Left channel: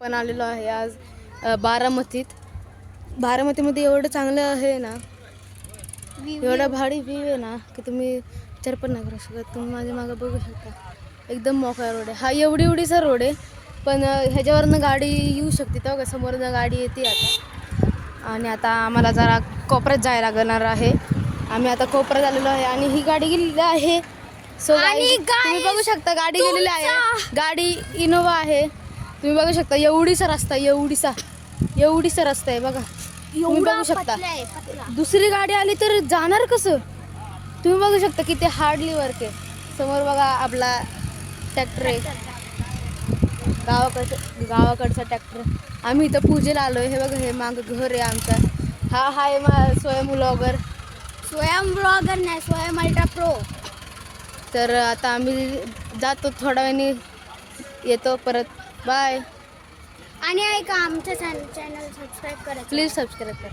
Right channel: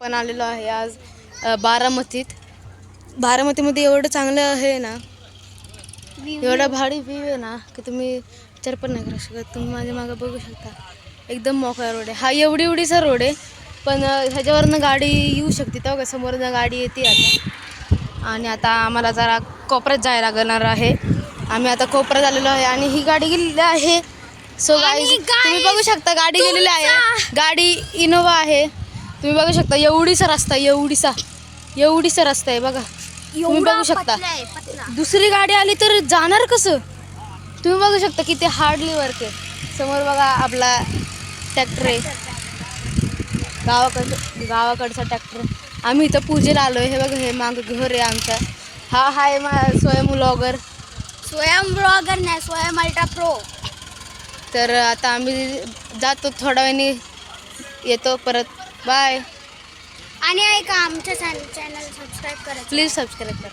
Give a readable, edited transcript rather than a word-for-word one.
पण आलेलो आहे आज बारामतीमध्ये एवढं चांगलं आहे ना, एवढा भारी व्ह्यू आहे ना की तुम्ही विचार पण नाही करू शकत. तुम्ही माझ्या मागं बघू शकता, एकदम मोकळा रोड आहे हा. एवढीचा रोड आहे, पण ह्याच्यावरनं गाडी येऊ शकते. तेव्हा समोरनं गाडी येते आता. आणि आता आम्हाला जरा कोपऱ्यात जायला लागणार आहे. आम्ही आता कोपऱ्यात आलेलो आहे आणि ही गाडी गेलेली आहे. सो गाईज तुम्ही बघू शकता गाडी गेलेली आहे. गाडी इनोवा आहे. तुम्ही बघू शकता एवढीसा रस्ता आहे बघा. तुम्ही बघू शकता दुसरी गाडी आली तर जाणार कसं. तुम्ही बघू शकता की ते हार्डली वर्क आहे. समोर बघा आपला ट्रॅक्टर आहे, गावाकडचा ट्रॅक्टर. आम्ही इथं पूजेला आलो आहे. हे बघा, हे मागं घर आहे आमचा. हा आहे स्वयं ब्लॉगर नाही, स्वयं अल्ट्रा प्रो. तर आता आम्ही जातो, थोड्या वेळाने येतो परत. बाय. आणि ऐका, आमच्या चॅनल सबस्क्राईब करा, प्लीज सबस्क्राईब करा.